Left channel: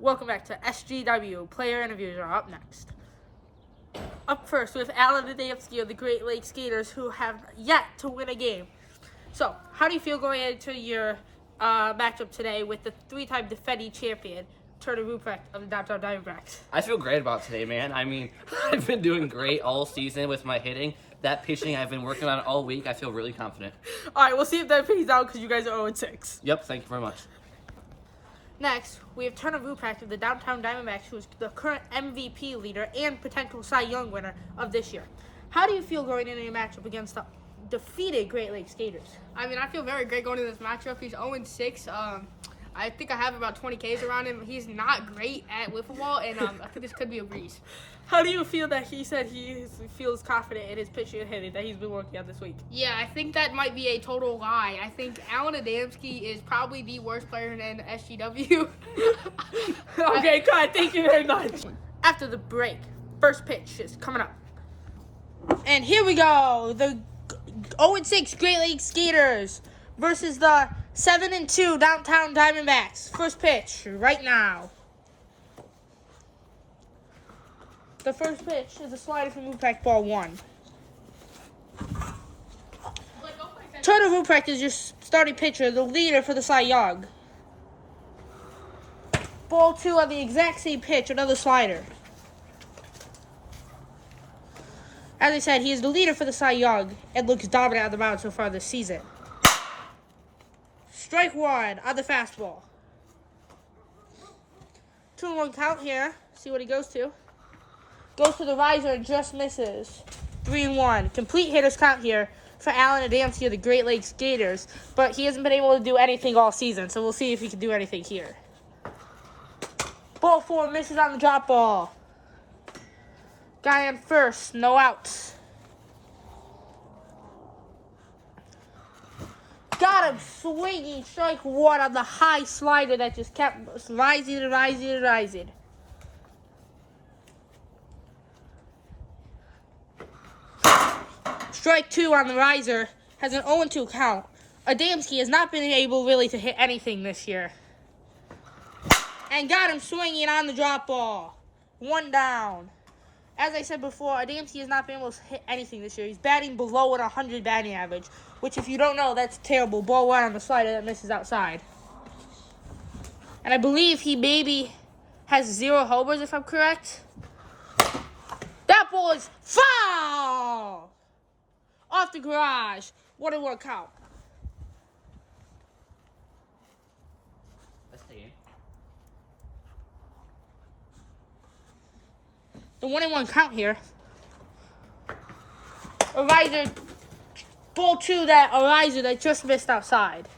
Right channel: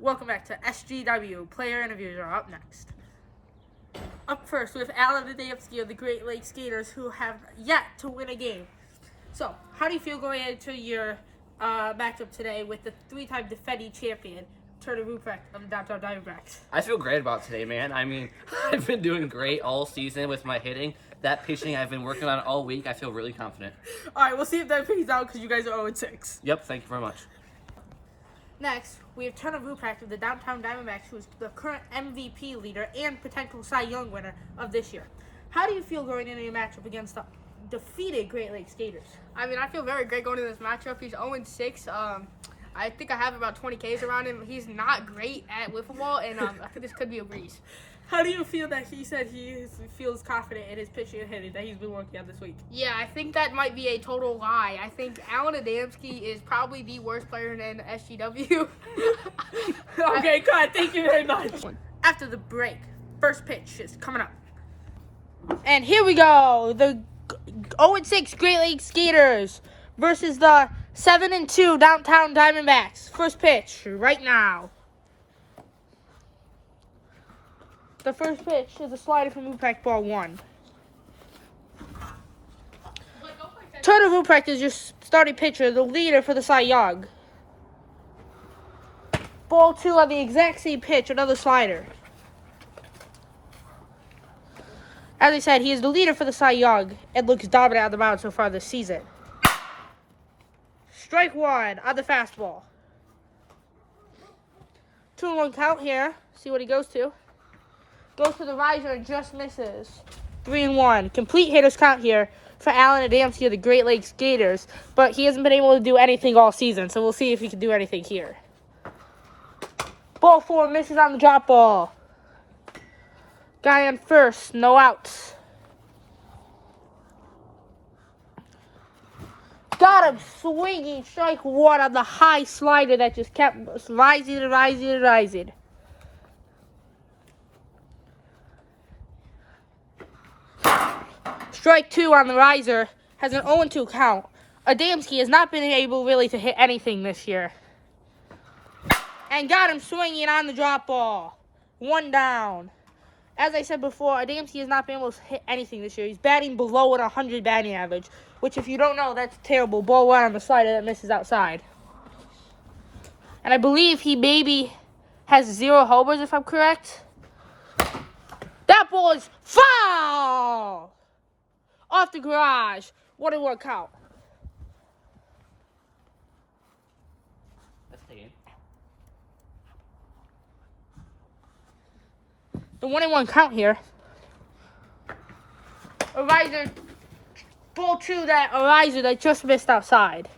Welcome back to SGW. Player interviews are up next. Up first with Alan Adamski of the Great Lakes Gators, who have yet to win a game. So, how do you feel going into your matchup today with the three-time defending champion, Turner Ruprecht of the downtown Diamondbacks? I feel great about today, man. I mean, I've been doing great all season with my hitting. That pitching I've been working on all week. I feel really confident. All right, we'll see if that pays out because you guys are 0-6. Yep, thank you very much. Next, we have Turner Ruprecht of the downtown Diamondbacks, who is the current MVP leader and potential Cy Young winner of this year. How do you feel going into your matchup against the defeated Great Lakes Gators? I mean, I feel very great going into this matchup. He's 0-6. I think I have about 20 Ks around him. He's not great at wiffle ball, and I think this could be a breeze. How do you feel that he said he feels confident in his pitching and hitting that he's been working on this week? Yeah, I think that might be a total lie. I think Alan Adamski is probably the worst player in SGW. Okay, God, thank you very much. After the break, first pitch is coming up. And here we go. The 0-6 Great Lakes Gators versus the 7-2 downtown Diamondbacks. First pitch right now. The first pitch is a slider from Ruprecht, ball one. Turner Ruprecht is your starting pitcher, the leader for the Cy Young. Ball two on the exact same pitch, another slider. As I said, he is the leader for the Cy Young and looks dominant on the mound so far this season. Strike one on the fastball. 2-1 count here. See what he goes to. Goes to the riser and just misses. 3-1. Complete hitter's count here for Alan Adamski of the Great Lakes Gators, but he hasn't been able to do anything all season, so we'll see if he can do anything here. Ball four misses on the drop ball. Guy on first, no outs. Got him swinging, strike one on the high slider that just kept rising and rising and rising. Strike two on the riser, has an 0-2 count. Adamski has not been able really to hit anything this year. And got him swinging on the drop ball. One down. As I said before, Adamski has not been able to hit anything this year. He's batting below an 100 batting average, which if you don't know, that's terrible. Ball one on the slider that misses outside. And I believe he maybe has 0 homers, if I'm correct. That ball is foul! Off the garage. 1-1 count. That's the game. The 1-1 count here. A riser. Ball two that a riser that just missed outside.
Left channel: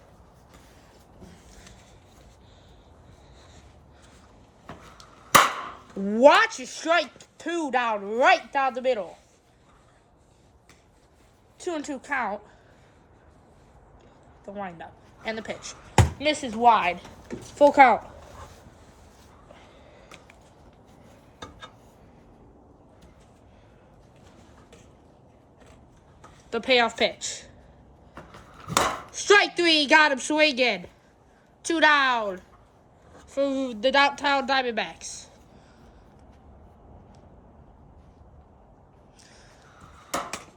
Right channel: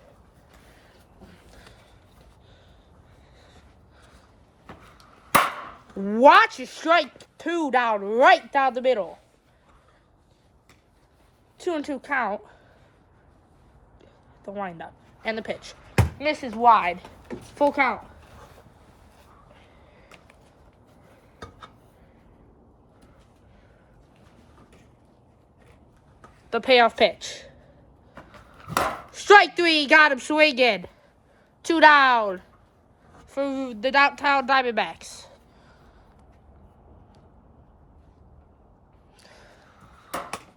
Watch it, strike two right down the middle. 2-2 count. The windup and the pitch. Misses wide. Full count. The payoff pitch. Strike three, got him swinging. 2 down for the downtown Diamondbacks.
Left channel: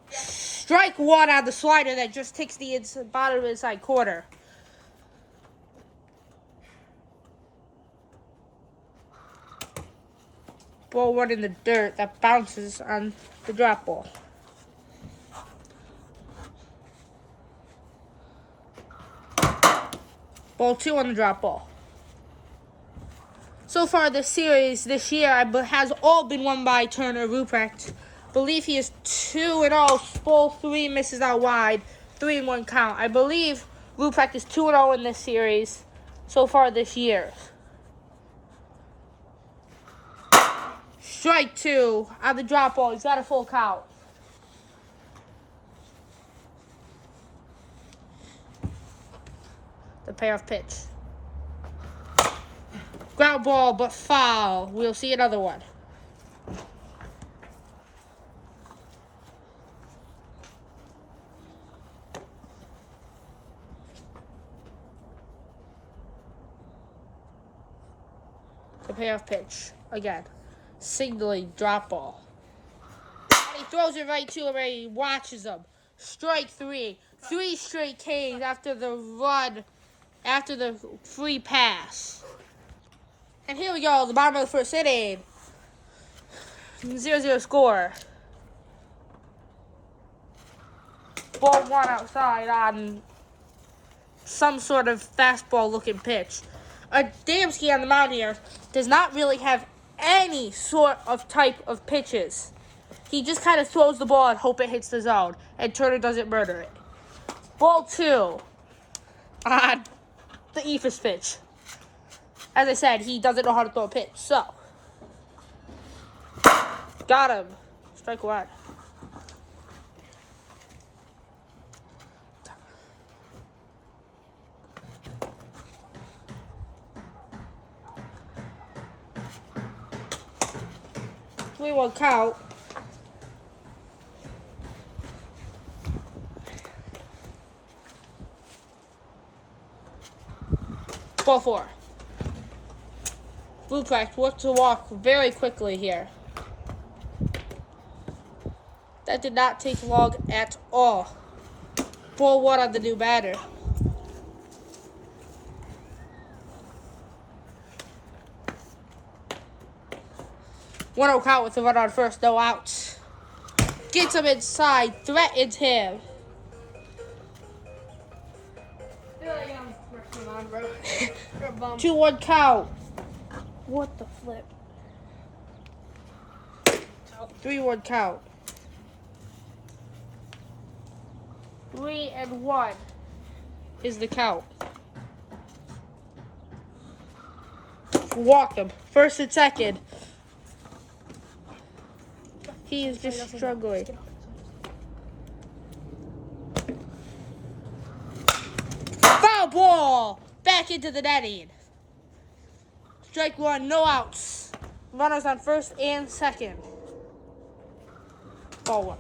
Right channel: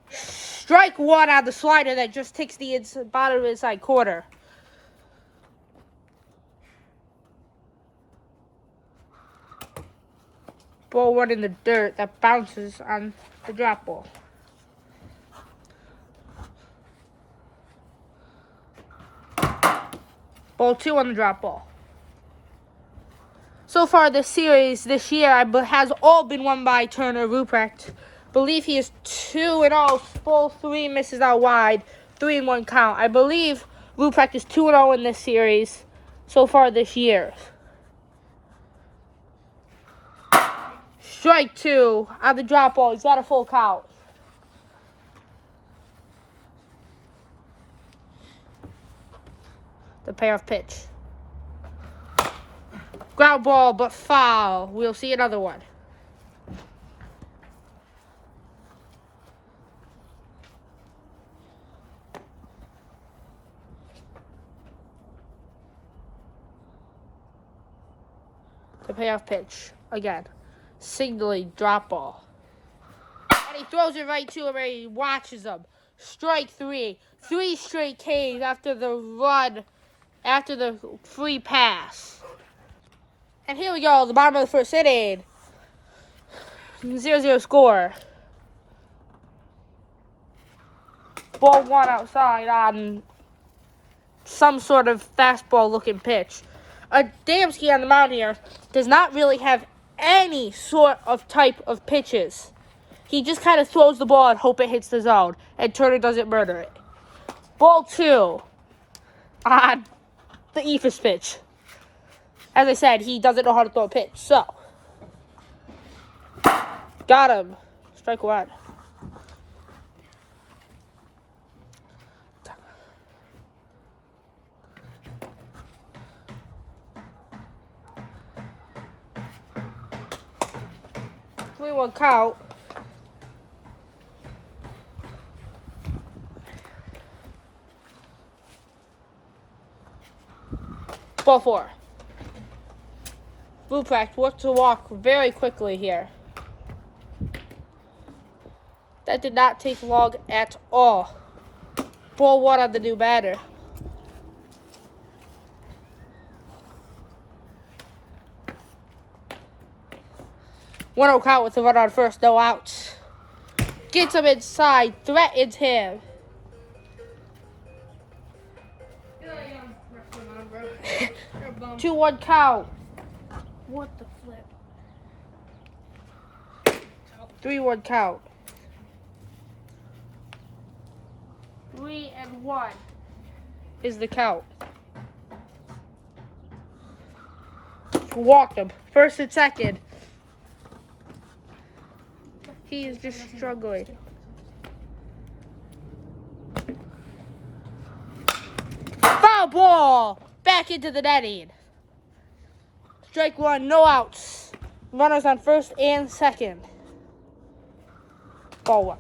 Strike one on the slider that just takes the bottom of the inside corner. Ball one in the dirt that bounces on the drop ball. Ball two on the drop ball. So far this series, this year, has all been won by Turner Ruprecht. Believe he is 2-0. Ball three misses out wide. 3-1 count. I believe Ruprecht is 2-0 in this series so far this year. Strike two on the drop ball. He's got a full count. The payoff pitch. Ground ball, but foul. We'll see another one. The payoff pitch. Again. Signaling drop ball. And he throws it right to him and he watches him. Strike 3. 3 straight Ks after the run. After the free pass. And here we go. The bottom of the first inning. 0-0 score. Ball 1 outside on some sort of fastball-looking pitch. Adamski on the mound here does not really have any sort of type of pitches. He just kind of throws the ball and hope it hits the zone. And Turner doesn't murder it. Ball 2 on the Ephus pitch. As I said, he doesn't know how to throw a pitch. So, got him. Strike 1. We will count. Ball 4. Blue Practice worked to walk very quickly here. That did not take long at all. Ball 1 on the new batter. One count with a run on first, no outs. Gets him inside, threatens him. 2-1 count. What the flip? 3-1 count. 3-1 is the count. Walked him. First and second. He is just struggling. Foul ball! Back into the netting. Strike 1, no outs. Runners on first and second. Ball 1.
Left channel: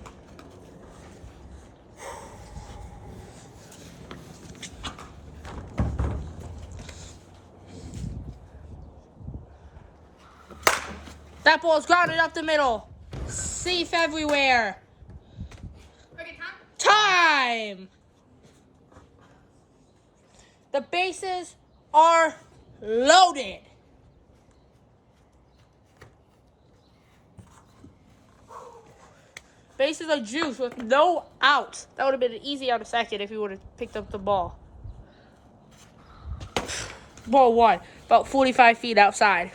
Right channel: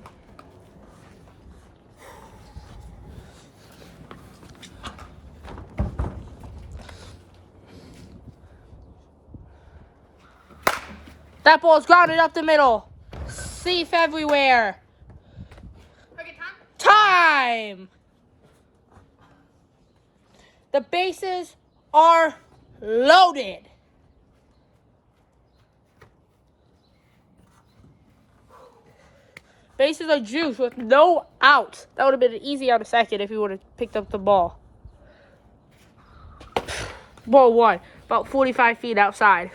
That ball's grounded up the middle. Safe everywhere. Okay, Time! The bases are loaded. Bases are juiced with no outs. That would have been an easy out of second if he would have picked up the ball. Ball 1, about 45 feet outside.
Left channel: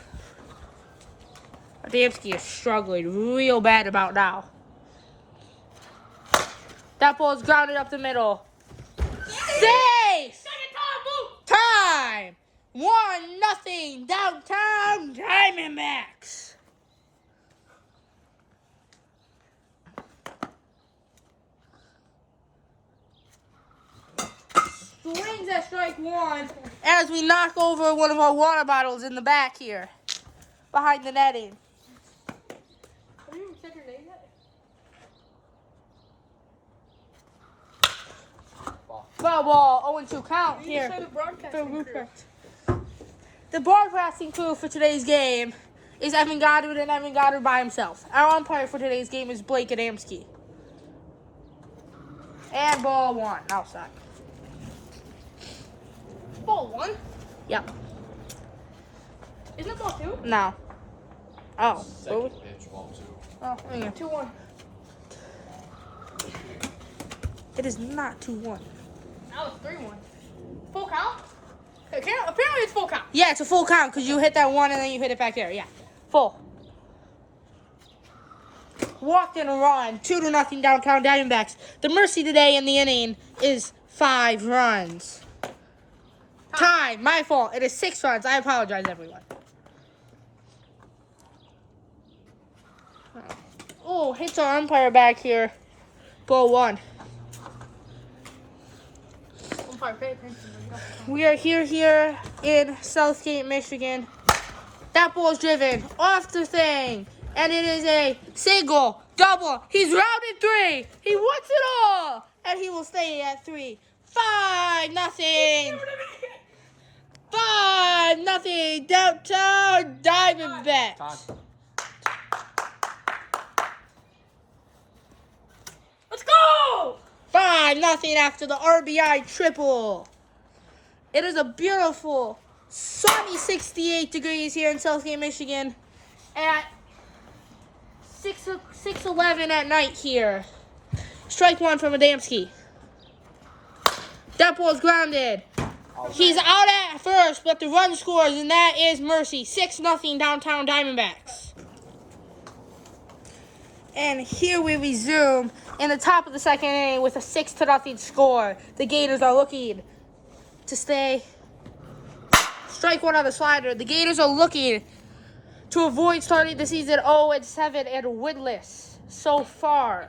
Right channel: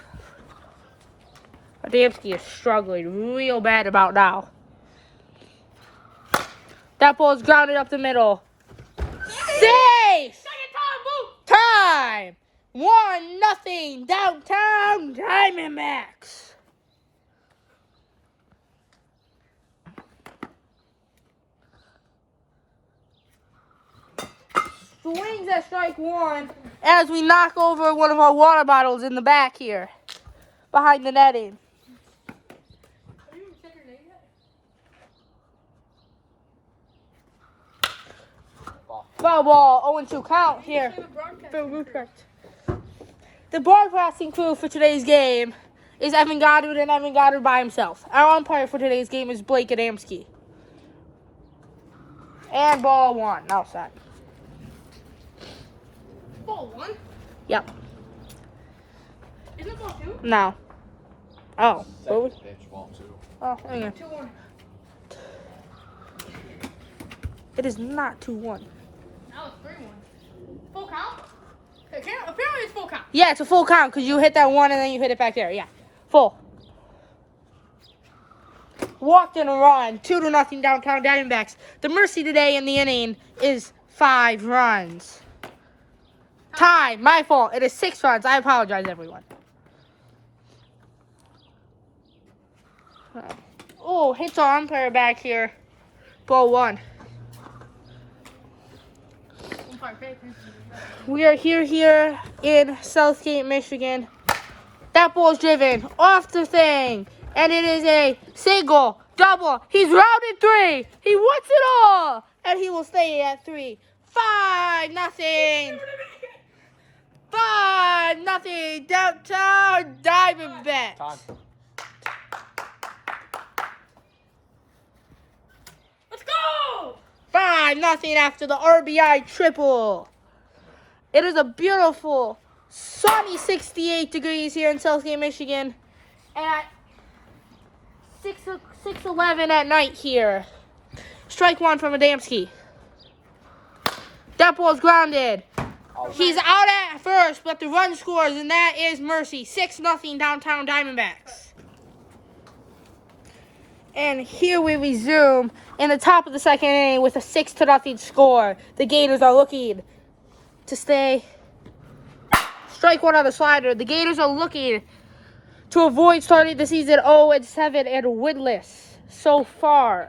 Adamski is struggling real bad about now. That ball is grounded up the middle. Safe! Time! 1-0 downtown Diamondbacks. Swings at strike 1 as we knock over one of our water bottles in the back here. Behind the netting. Have you said your name yet? Foul ball, 0-2 count here. For Ruprecht. The broadcasting crew for today's game is Evan Goddard and Evan Goddard by himself. Our umpire for today's game is Blake Adamski. And ball 1, outside. Ball 1? Yep. Isn't it ball 2? No. Oh. Second pitch, ball 2. Oh, hang on. 2-1. It is not 2-1. That was 3-1. Full count? Apparently it's full count. Yeah, it's a full count because you hit that 1 and then you hit it back there. Yeah. Full. Walked in a run. 2-0 downtown Diamondbacks. The mercy today in the inning is 5 runs. Time. My fault. It is 6 runs. I apologize, everyone. Oh, hits our umpire back here. Ball 1. Umpire, pay attention. We are here in Southgate, Michigan. That ball's driven off the thing. And it is a single, double. He's rounded 3. He wants it all. And he will stay at 3. 5-0. 5-0 downtown Diamondbacks. Let's go! 5-0 after the RBI triple. It is a beautiful, sunny 68 degrees here in Southgate, Michigan at 6:11 at night here. Strike one from Adamski. That ball's grounded. He's out at first, but the run scores, and that is mercy. 6-0 downtown Diamondbacks. And here we resume in the top of the second inning with a 6-0 score. The Gators are looking to stay. Strike one on the slider. The Gators are looking to avoid starting the season 0-7 and winless so far.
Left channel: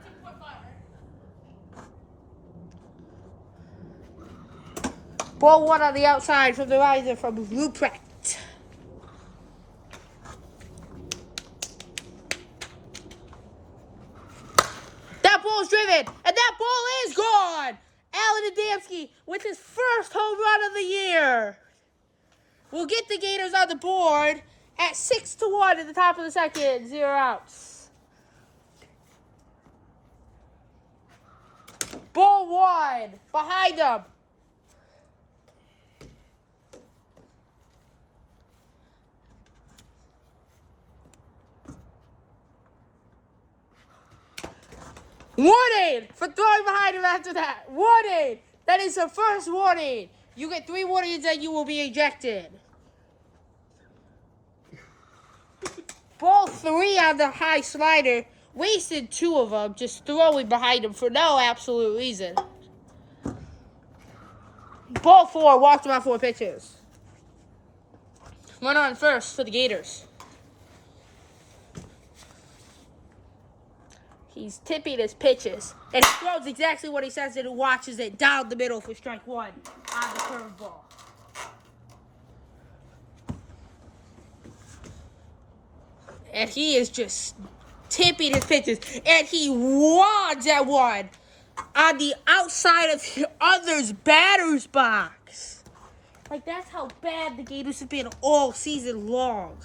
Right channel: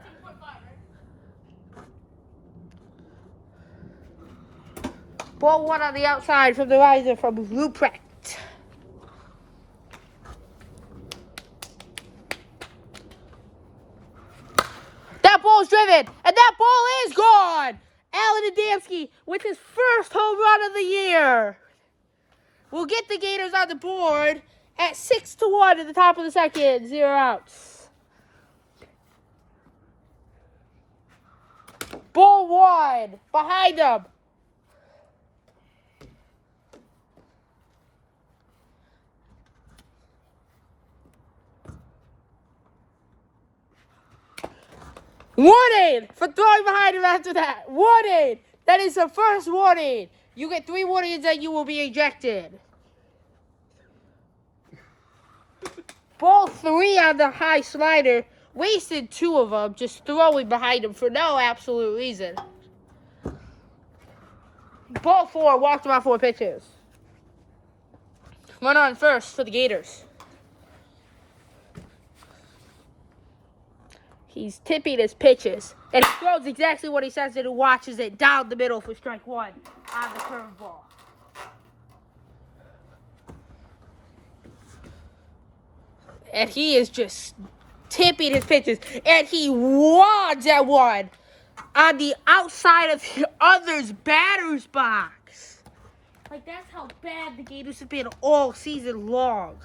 Ball one on the outside from the riser from Ruprecht. That ball's driven, and that ball is gone. Alan Adamski with his first home run of the year will get the Gators on the board at 6-1 at the top of the second. 0 outs. Ball one behind him. Warning for throwing behind him after that. Warning. That is the first warning. You get 3 warnings and you will be ejected. Ball 3 on the high slider. Wasted 2 of them just throwing behind him for no absolute reason. Ball 4 walked him on 4 pitches. Run on first for the Gators. He's tipping his pitches, and he throws exactly what he says and watches it down the middle for strike one on the curveball. And he is just tipping his pitches, and he wads at one on the outside of the other's batter's box. Like, that's how bad the Gators have been all season long.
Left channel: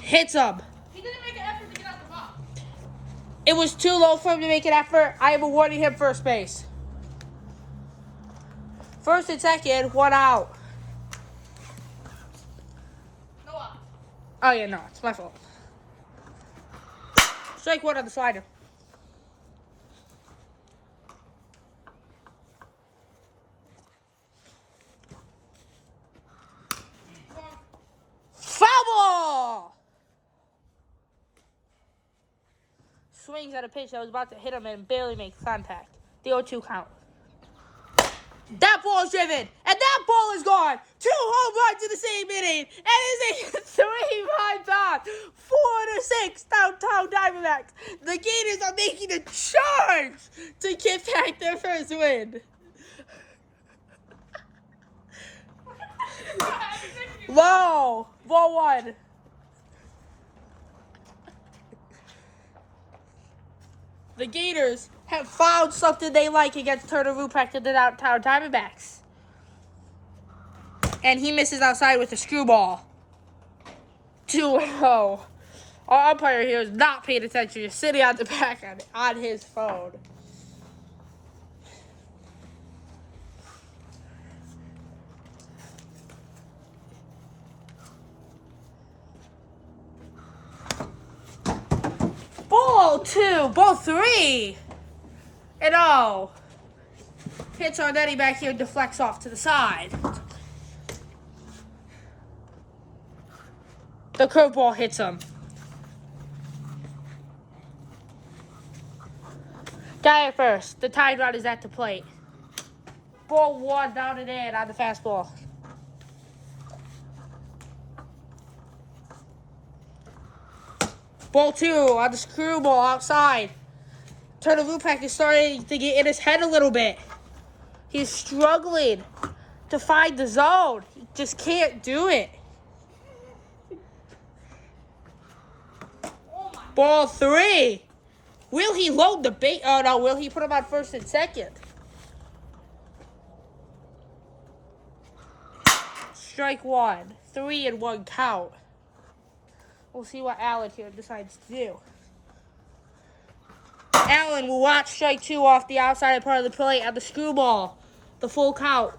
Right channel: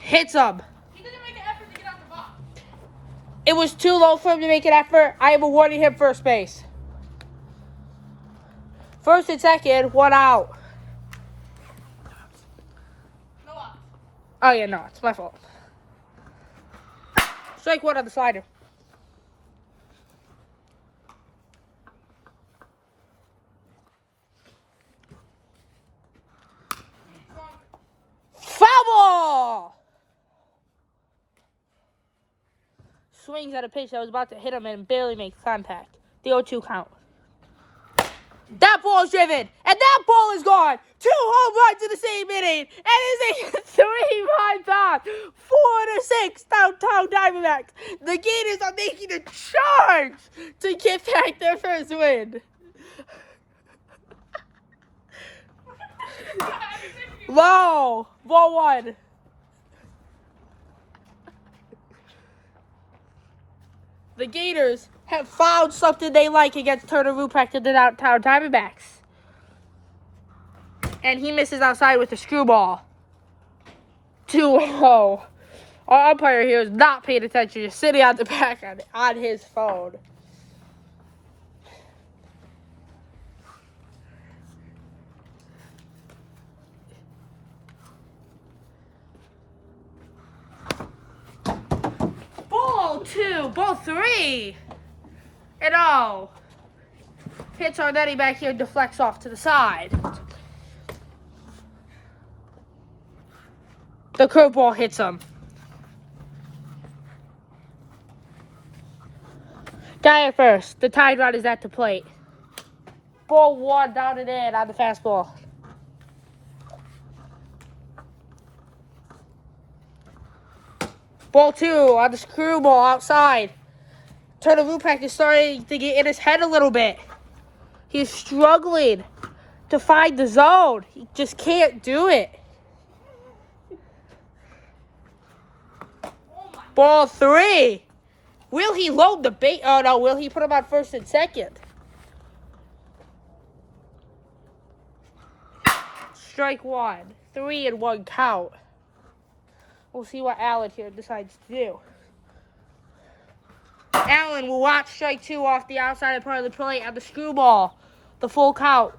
Hits him. He didn't make an effort to get out the box. It was too low for him to make an effort. I am awarding him first base. First and second, 1 out. No out. Oh, yeah, no, it's my fault. Strike one on the slider. Foul! Swings at a pitch that was about to hit him and barely makes contact. The 0-2 count. That ball's driven, and that ball is gone. 2 home runs in the same inning, and it's a 3-run top. 4-6 downtown Diamondbacks. The Gators are making a charge to get back their first win. Wow, ball one. The Gators have found something they like against Turner Ruprecht and the downtown Diamondbacks. And he misses outside with a screwball. 2-0. Our umpire here is not paying attention. He's sitting on the back on his phone. Ball 2, ball 3. And oh. Hits Arnetti back here, deflects off to the side. The curveball hits him. Guy at first. The tide rod is at the plate. Ball 1 down and in on the fastball. Ball 2 on the screwball outside. Turner Ruprecht is starting to get in his head a little bit. He's struggling to find the zone. He just can't do it. Ball 3. Will he load the bait? Oh, no. Will he put him on first and second? Strike one. 3-1 count. We'll see what Allen here decides to do. Allen will watch strike two off the outside part of the plate at the screwball. The full count.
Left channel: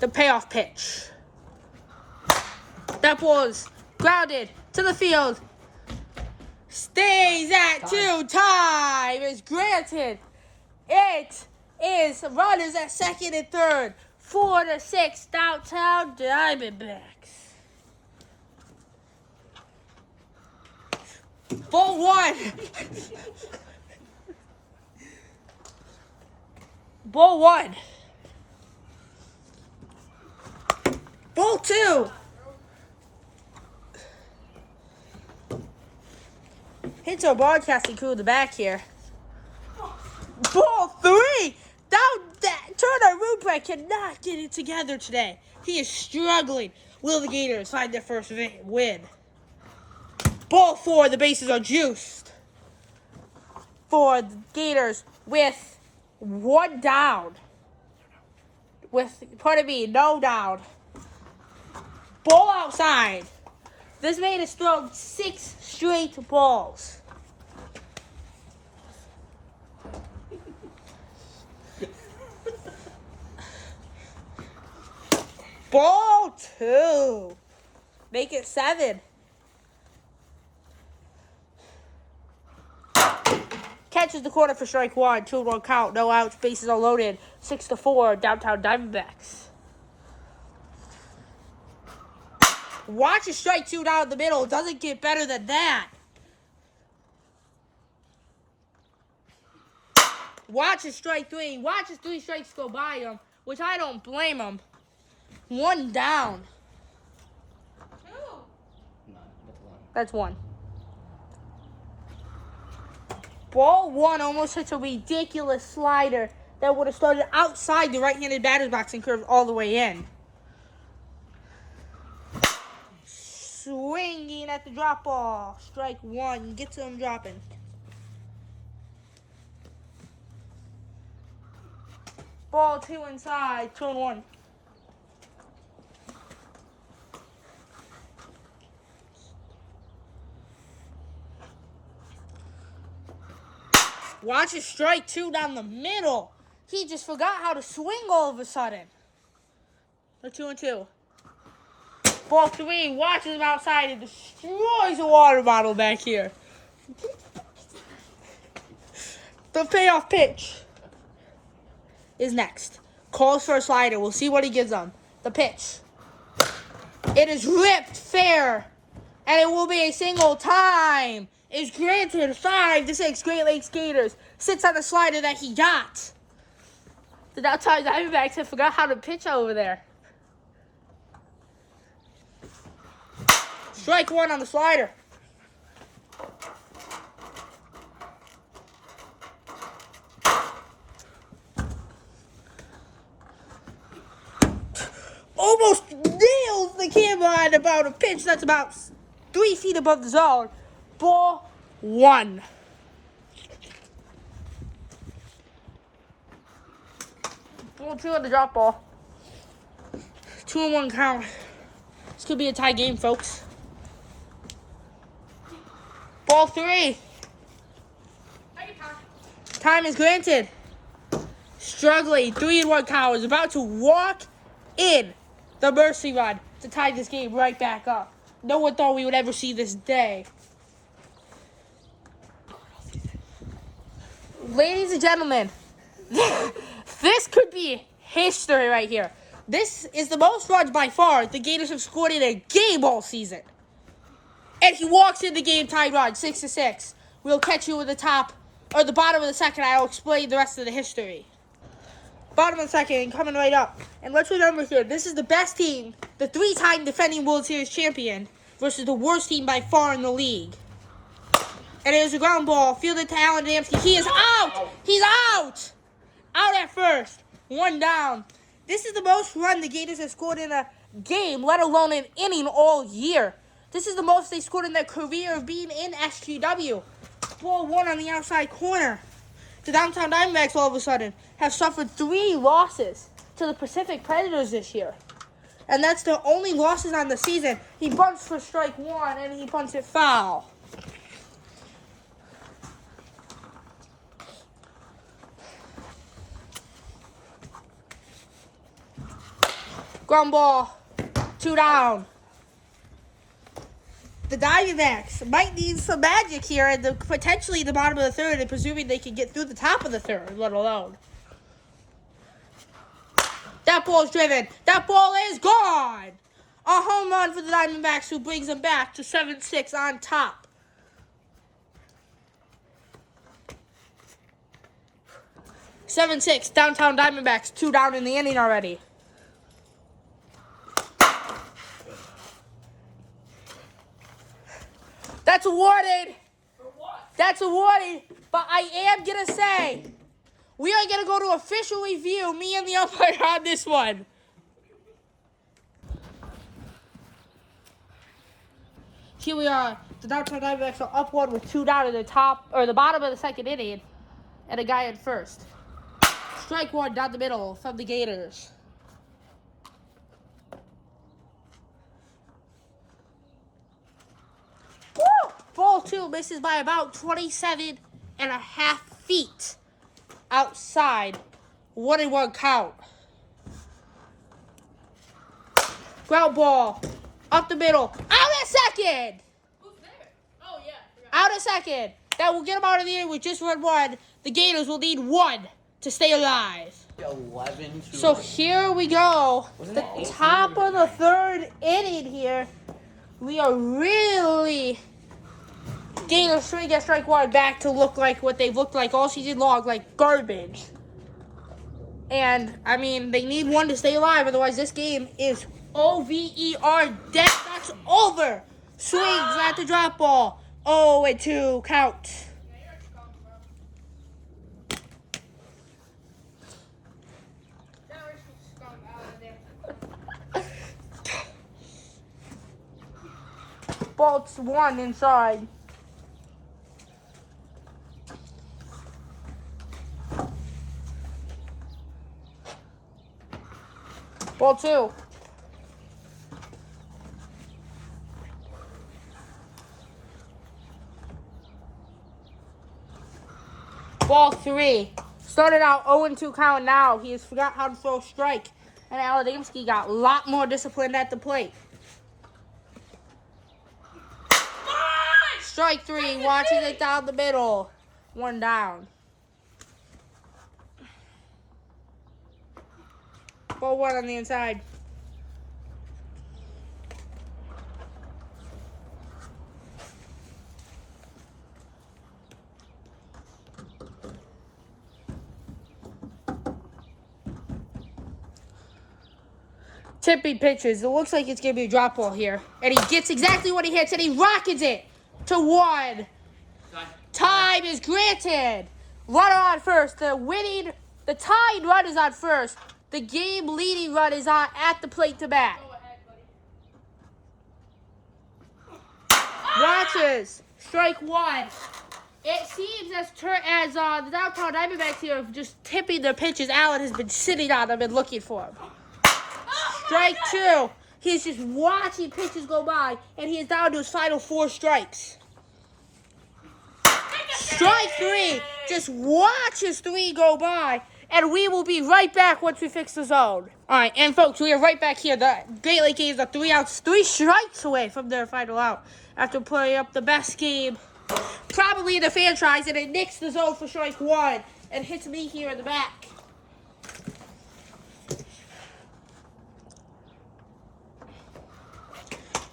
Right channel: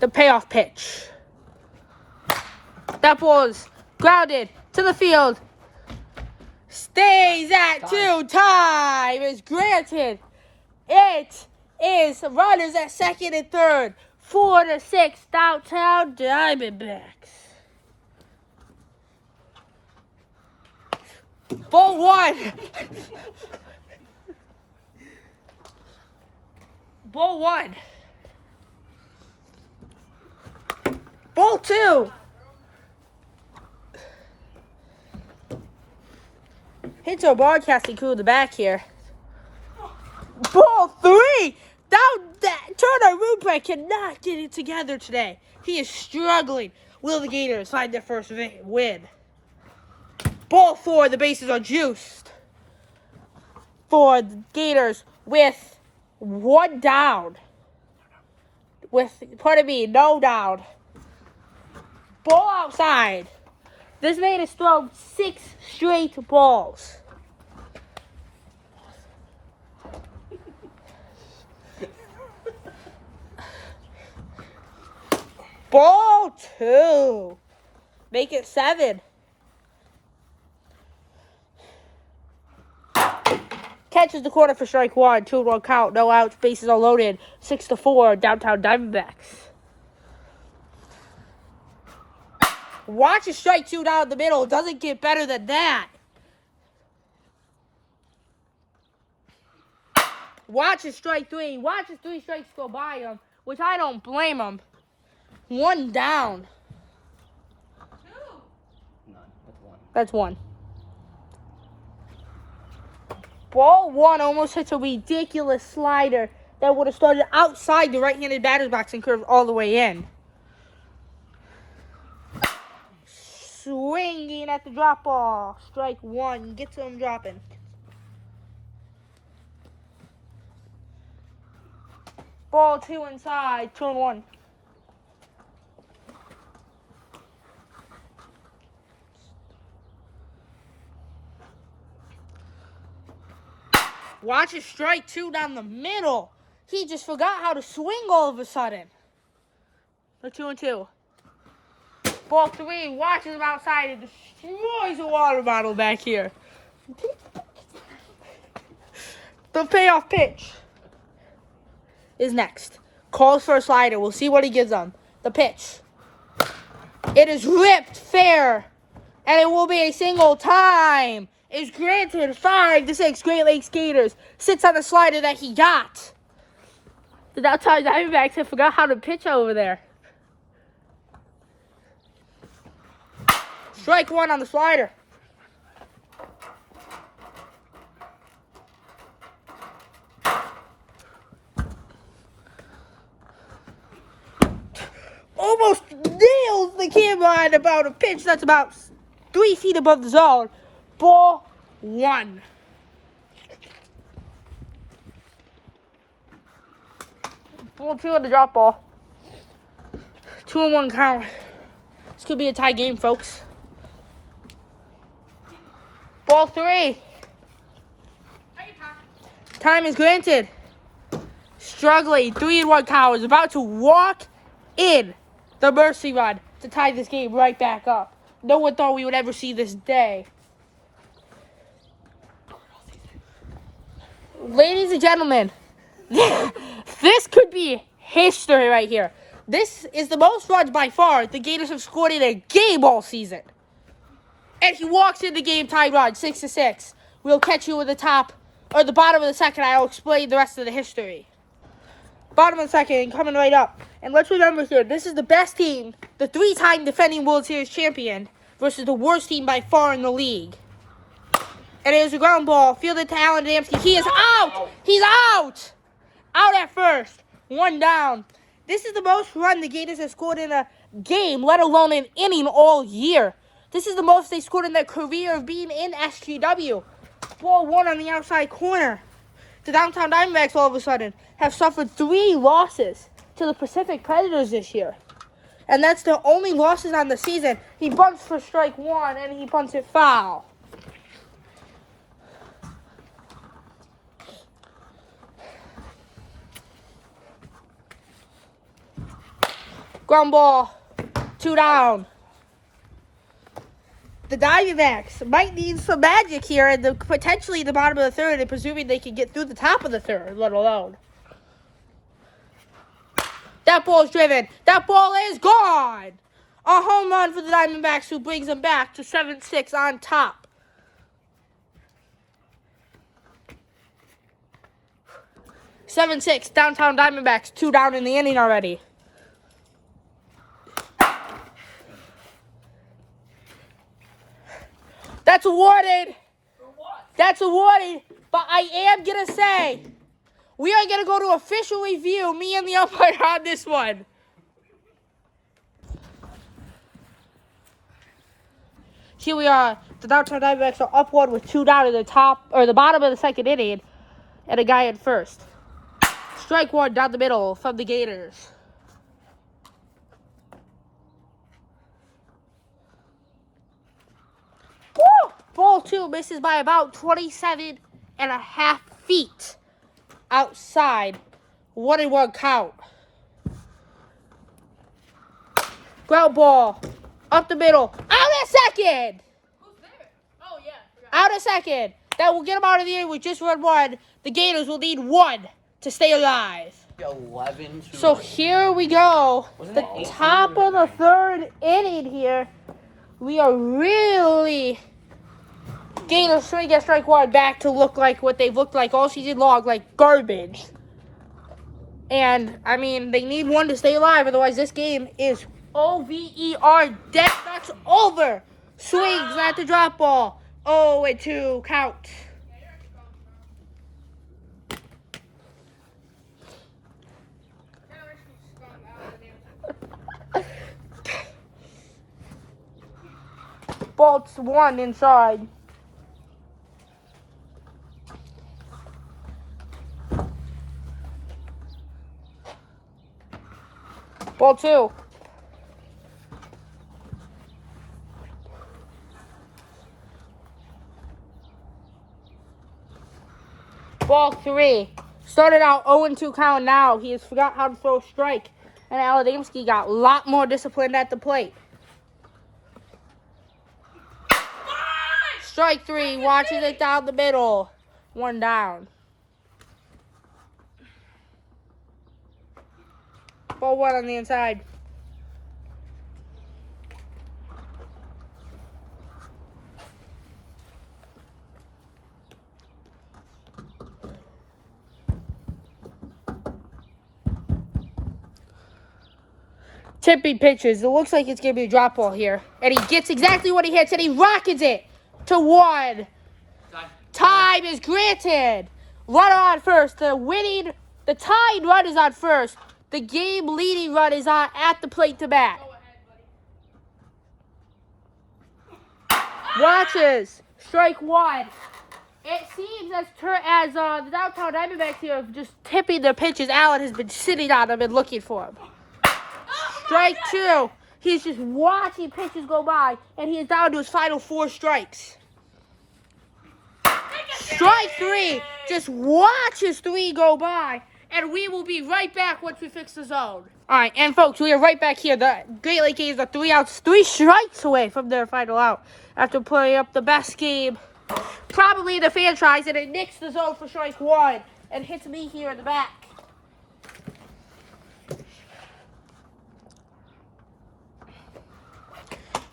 The payoff pitch. That ball is grounded to the field. Stays at 2. Time is granted. It is runners at second and third. 4-6 downtown Diamondbacks. Ball one. Ball one. Ball two. Hits our broadcasting crew in the back here. Ball three. Turner Rupert cannot get it together today. He is struggling. Will the Gators find their first win? Ball four. The bases are juiced for the Gators with one down. No down. Ball outside. This man has thrown 6 straight balls. Ball two. Make it 7. Catches the corner for strike one. 2-1 count. No outs. Bases are loaded. 6-4. Downtown Diamondbacks. Watch a strike two down the middle. It doesn't get better than that. Watch his strike three. Watch his 3 strikes go by him, which I don't blame him. 1 down. 2. None. That's 1. That's 1. Ball 1 almost hits a ridiculous slider that would have started outside the right-handed batter's box and curved all the way in. Swinging at the drop ball. Strike 1. Gets him dropping. Ball 2 inside. 2-1. Watch his strike two down the middle. He just forgot how to swing all of a sudden. The 2-2. Ball 3. Watches him outside and destroys a water bottle back here. The payoff pitch is next. Calls for a slider. We'll see what he gives them. The pitch. It is ripped fair. And it will be a single. Time is granted. 5-6. Great Lakes Gators sits on the slider that he got. The outside Diamondbacks have forgot how to pitch over there. Strike 1 on the slider. Almost nails the camera at about a pitch that's about 3 feet above the zone. Ball 1. Ball 2 on the drop ball. 2-1 count. This could be a tie game, folks. Ball 3. Time is granted. Struggling. 3-1 count. Is about to walk in the mercy run to tie this game right back up. No one thought we would ever see this day. Ladies and gentlemen, this could be history right here. This is the most runs by far the Gators have scored in a game all season. And he walks in the game tied run, 6-6. We'll catch you at the top or the bottom of the second. I'll explain the rest of the history. Bottom of the second, coming right up. And let's remember here, this is the best team, the 3-time defending World Series champion, versus the worst team by far in the league. And it is a ground ball, fielded to Alan Adamski. He is out! He's out! Out at first. 1 down. This is the most run the Gators have scored in a game, let alone an inning all year. This is the most they scored in their career of being in SGW. Ball 1 on the outside corner. The downtown Diamondbacks all of a sudden have suffered 3 losses to the Pacific Predators this year. And that's their only losses on the season. He bunts for strike 1 and he bunts it foul. Ground ball, 2 down. The Diamondbacks might need some magic here and potentially the bottom of the third, and presuming they can get through the top of the third, let alone. That ball's driven. That ball is gone. A home run for the Diamondbacks, who brings them back to 7-6 on top. (7-6) downtown Diamondbacks, 2 down in the inning already. That's awarded. For what? That's awarded. But I am going to say, we are going to go to official review, me and the umpire, on this one. Here we are. The downtown Diamondbacks are up 1 with 2 down in the bottom of the second inning, and a guy at first. Strike 1 down the middle from the Gators. Woo! Ball 2 misses by about 27.5 feet outside. 1-1 count. Ground ball up the middle. Out at second. Who's there? Oh, yeah. Out at second. That will get them out of the inning with just run 1. The Gators will need 1 to stay alive. 11 to So here we go. Wasn't The that 18 top or of the 3rd inning here. We are really Gators trying to get strike 1 back to look like what they've looked like all season long, like garbage. And, I mean, they need 1 to stay alive, otherwise this game is over, dead. That's over. Swings at the drop ball. 0-2 count. Ball 1 inside. Ball 2. Ball 3. Started out 0-2 count now. He has forgot how to throw a strike. And Adamski got a lot more disciplined at the plate. Strike 3. Watches it down the middle. 1 down. Ball 1 on the inside. Tipping pitches. It looks like it's going to be a drop ball here. And he gets exactly what he hits, and he rockets it to 1. Time is granted. Runner on first. The tied run is on first. The game-leading run is on at the plate to bat. Go ahead, buddy. Watches. Strike 1. It seems as the downtown Diamondbacks here have just tipping their pitches. Allen has been sitting on them and looking for them. Strike 2. He's just watching pitches go by, and he is down to his final 4 strikes. Strike 3. Just watches 3 go by, and we will be right back once we fix the zone. All right, and folks, we are right back here. The Great Lake Gators are 3 strikes away from their final out after playing up the best game probably in the franchise, and it nicks the zone for strike 1 and hits me here in the back.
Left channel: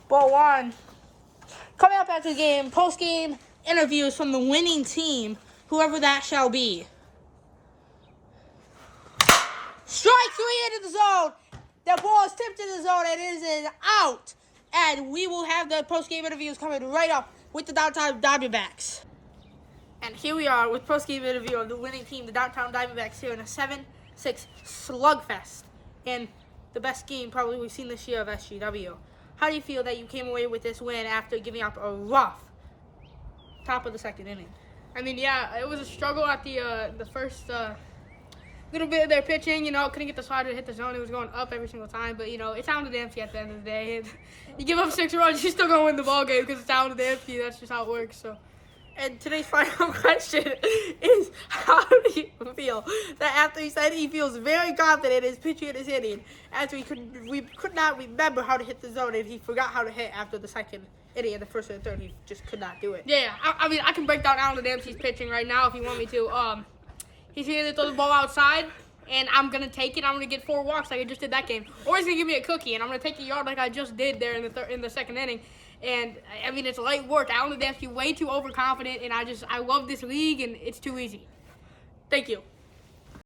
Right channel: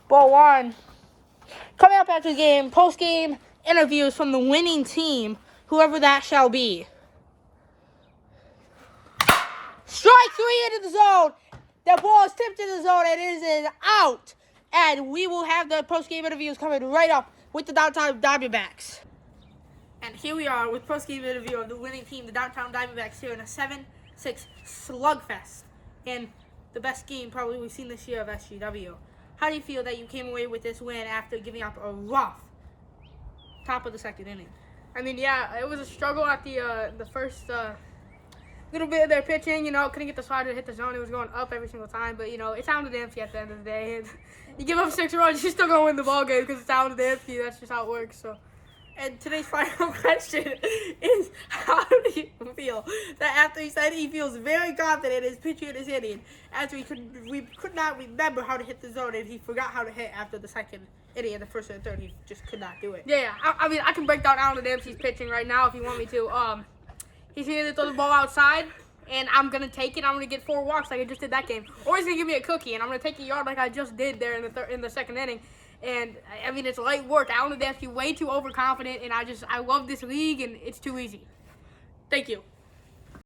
Ball 1. Coming up after the game, post-game interviews from the winning team, whoever that shall be. Strike 3 into the zone. The ball is tipped in the zone, and it is an out. And we will have the post-game interviews coming right up with the downtown Diamondbacks. And here we are with post-game interview of the winning team, the downtown Diamondbacks, here in a 7-6 slugfest. And the best game probably we've seen this year of SGW. How do you feel that you came away with this win after giving up a rough top of the second inning? I mean, yeah, it was a struggle at the first little bit of their pitching. You know, couldn't get the slider to hit the zone. It was going up every single time. But, you know, it sounded empty at the end of the day. And you give up 6 runs, you're still going to win the ball game because it sounded empty. That's just how it works. So, and today's final question is, how do you feel that after he said he feels very confident in his pitching and his hitting, after we could not remember how to hit the zone and he forgot how to hit after the second inning and the first and the third, he just could not do it. Yeah, I mean, I can break down Alan Dempsey's pitching right now if you want me to. He's here to throw the ball outside, and I'm going to take it. I'm going to get 4 walks like I just did that game. Or he's going to give me a cookie, and I'm going to take a yard like I just did there in the second inning. And, I mean, it's light work. Alan Dempsey way too overconfident, and I love this league, and it's too easy. Thank you.